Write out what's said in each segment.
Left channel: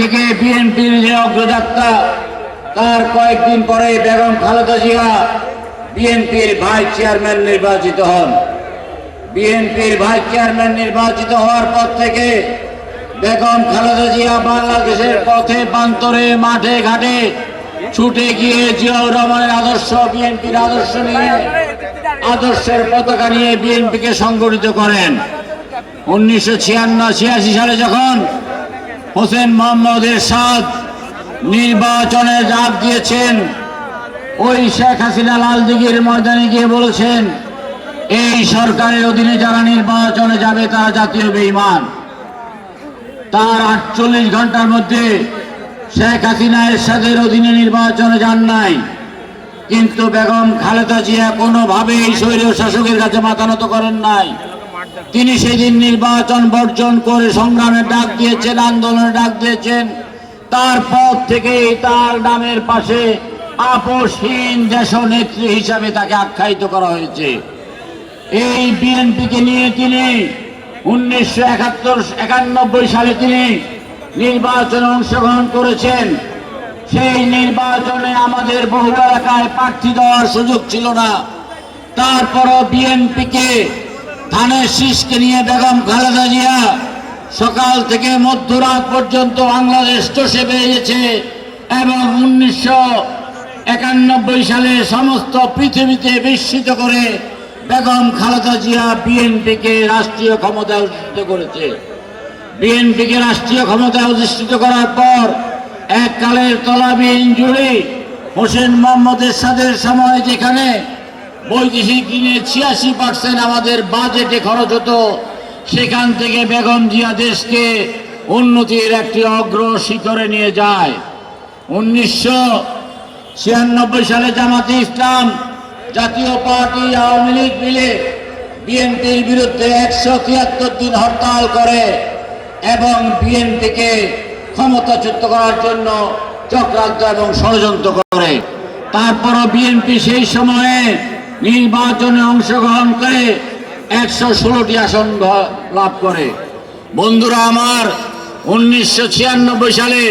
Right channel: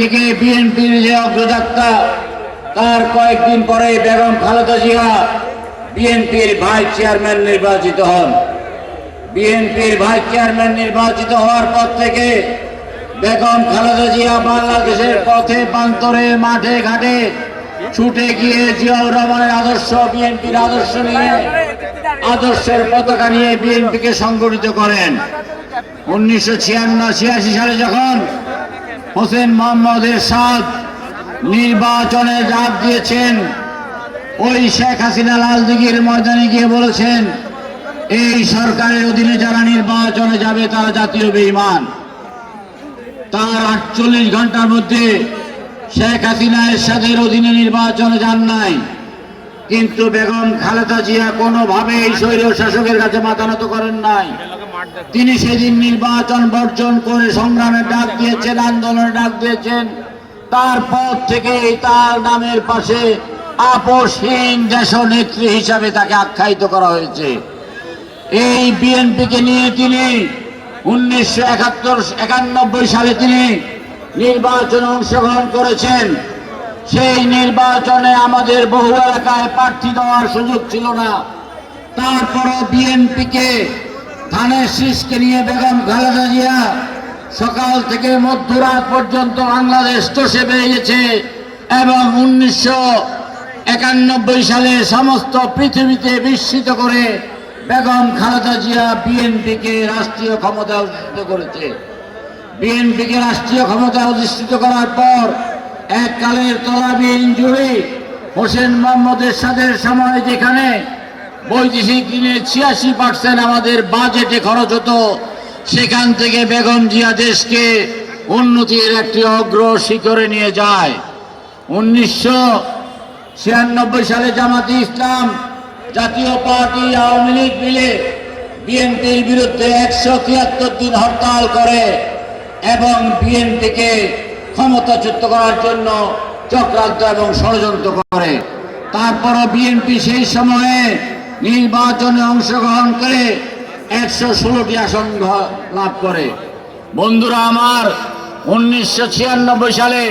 থেকে বিএনপির যে অগ্রযাত্রা, তার কয়েকদিন পরে বেগম খালেদা জিয়া বিএনপির ভাইস চেয়ারম্যান নির্বাচিত হন। বিএনপির ভাইস চেয়ারম্যান নির্বাচিত হওয়ার পর থেকে বেগম খালেদা জিয়া বাংলাদেশের পথে প্রান্তরে মাঠে ঘাটে ছুটে গিয়ে জিয়াউর রহমানের আদর্শ, বিএনপির আদর্শ নিয়ে, আদর্শের পতাকা নিয়ে বিএনপিকে সংগঠিত করেন। 1986 সালে যখন হোসেন মোহাম্মদ এরশাদ নির্বাচনে ডাক দিয়েছেন, ওই শেখ হাসিনা লালদিঘির ময়দানে গিয়ে বলেছেন, এই সরকারের অধীনে যারা নির্বাচনে যাবে তারা জাতীয় বেঈমান। তার 48 ঘন্টার মধ্যে শেখ হাসিনা এরশাদের অধীনে নির্বাচনে যান নাই, কিন্তু বেগম খালেদা জিয়া কোনোভাবেই স্বৈরীয় শাসকের কাছে মাথা নত করেন নাই। তিনি সেদিন নির্বাচন বর্জন করে সংগ্রামের ডাক দিয়েছেন, আন্দোলনের ডাক দিয়েছেন। তারপর থেকে তার নামের পাশে আপোষহীন দেশনেত্রী হিসাবে তাকে আখ্যায়িত করা হয়েছে। এই বিএনপিকে নিয়ে তিনি 1991 সালে তিনি নির্বাচনে অংশগ্রহণ করেছেন। সেই নির্বাচনে আমাদের বহু এলাকায় প্রার্থী দেওয়ার সুযোগ ছিল না। তারপরও বিএনপিকে ধানের শীষকে নিয়ে বেগম খালেদা জিয়া সকাল থেকে মধ্যরাত পর্যন্ত বাংলাদেশ চষে বেরিয়েছে এবং 1991 সালে সমস্ত পৃথিবীতে বিস্মিত করে বেগম খালেদা জিয়া বিএনপিকে রাষ্ট্রীয় ক্ষমতায় অধিষ্ঠিত করেছে। বিএনপিকে রাষ্ট্রীয় ক্ষমতায় অধিষ্ঠিত করার পর এককালের তলাবিহীন জুড়ে হোসেন মোহাম্মদ এরশাদের সময় যেখানে বৈদেশিক ঋণে 86% আমাদের বাজেটে খরচ হতো, সেখান থেকে বেগম জিয়া দেশকে উন্নতির একটি অগ্র শিখরে নিয়ে যায়। 1996 সালে জামাতে ইসলাম, জাতীয় পার্টি, আওয়ামী লীগ মিলে বিএনপির বিরুদ্ধে 173 দিন হরতাল করে এবং বিএনপিকে ক্ষমতাচ্যুত করার জন্য চক্রান্ত এবং ষড়যন্ত্র করে। তারপরও বিএনপি সেই সময়ে নির্বাচনে অংশগ্রহণ করে 116টি আসন লাভ করে। বন্ধুরা আমার, 1996 সালে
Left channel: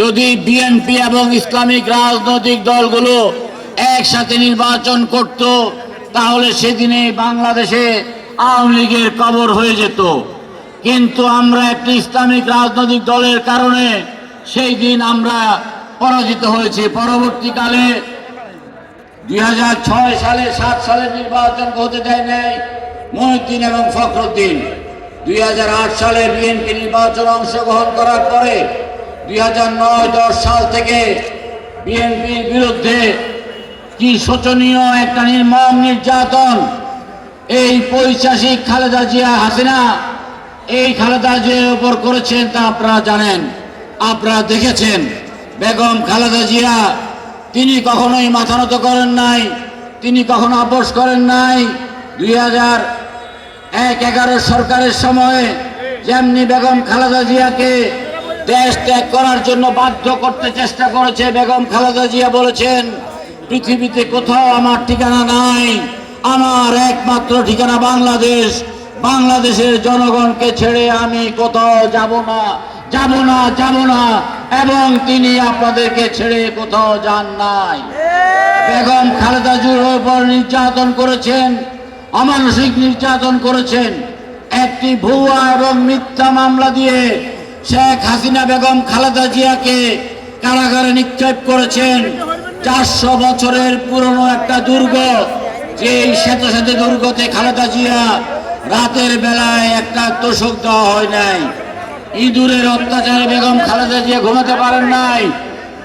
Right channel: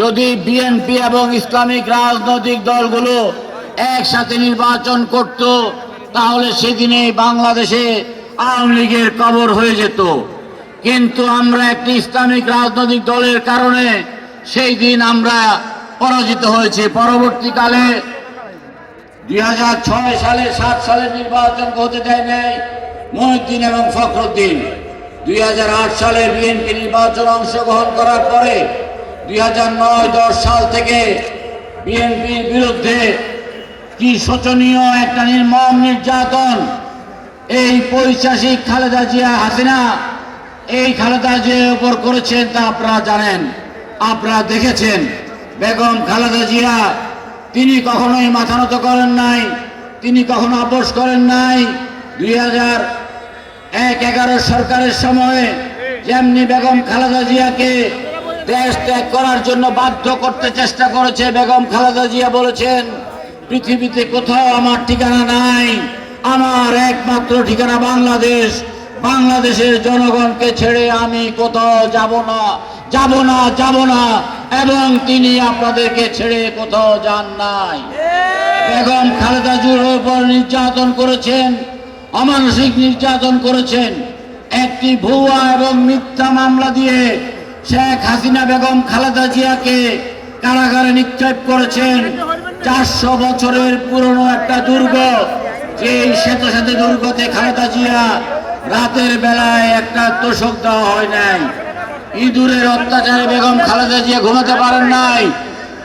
যদি বিএনপি এবং ইসলামিক রাজনৈতিক দলগুলো একসাথে নির্বাচন করত, তাহলে সেদিনে বাংলাদেশে আওয়ামী লীগের কবর হয়ে যেত। কিন্তু আমরা একটি ইসলামিক রাজনৈতিক দলের কারণে সেই দিন আমরা পরাজিত হয়েছি। পরবর্তীকালে 2006 সালে 7 সালে নির্বাচন হতে দেয় নাই মহিউদ্দিন এবং ফখরুদ্দিন। 2008 সালে বিএনপি নির্বাচনে অংশগ্রহণ করার পরে 2009-10 সাল থেকে বিএনপির বিরুদ্ধে কি শোচনীয় একটা নির্মম নির্যাতন এই পৈশাচিক খালেদা জিয়া হাসিনা, এই খালেদা জিয়ার উপর করেছেন তা আপনারা জানেন, আপনারা দেখেছেন। বেগম খালেদা জিয়া তিনি কখনোই মাথা নত করেন নাই, তিনি কখনো আপোষ করেন নাই। 2011 সরকারের সময়ে যেমনি বেগম খালেদা জিয়াকে দেশ ত্যাগ করার জন্য বাধ্য করতে চেষ্টা করেছে, বেগম খালেদা জিয়া বলেছেন, পৃথিবীতে কোথাও আমার ঠিকানা নাই, আমার একমাত্র ঠিকানা বাংলাদেশ। বাংলাদেশের জনগণকে ছেড়ে আমি কোথাও যাব না, যাব না, যাব না। এবং তিনি আপনাদেরকে ছেড়ে কোথাও যান নাই। বেগম খালেদা জিয়ার উপর নির্যাতন করেছেন, অমানসিক নির্যাতন করেছেন। একটি ভুয়া এবং মিথ্যা মামলা দিয়ে শেখ হাসিনা বেগম খালেদা জিয়াকে কারাগারে নিক্ষেপ করেছেন। 400 বছরের পুরনো একটা দুর্গ, যে সাথে সাথে দুর্গতে খালেদা জিয়া রাতের বেলায় একটা তোষক দেওয়া হয় নাই। ইঁদুরের অত্যাচারে বেগম খালেদা জিয়া ঘুমাতে পারেন নাই।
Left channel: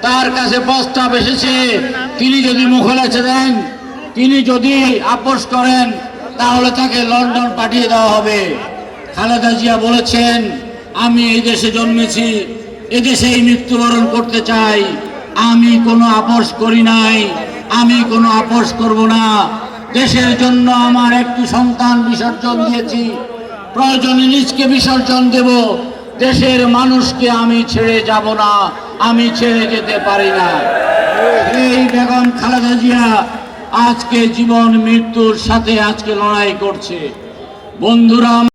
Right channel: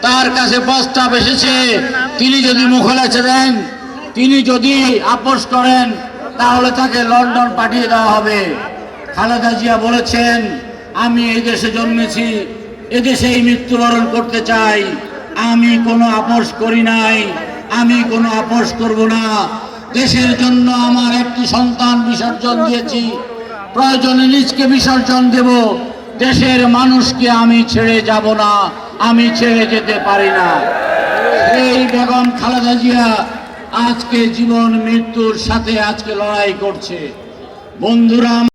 তার কাছে প্রস্তাব এসেছে, তিনি যদি মুখলেছে দেন, তিনি যদি আপোষ করেন, তাহলে তাকে লন্ডন পাঠিয়ে দেওয়া হবে। খালেদা জিয়া বলেছেন, আমি এই দেশে জন্মেছি, এদেশেই মৃত্যুবরণ করতে চাই, আমি কোনো আপোষ করি নাই, আমি কোনো আপোষ করব না। দেশের জন্য আমার একটি সন্তান বিসর্জন দিয়েছি, প্রয়োজনে নিজকে বিসর্জন দেব, দেশের মানুষকে আমি ছেড়ে যাব না, আমি ছেড়ে যেতে পারি না। এই বেগম খালেদা জিয়া আজকে জীবন মৃত্যুর সাথে আজকে লড়াই করছে। বন্ধুরা।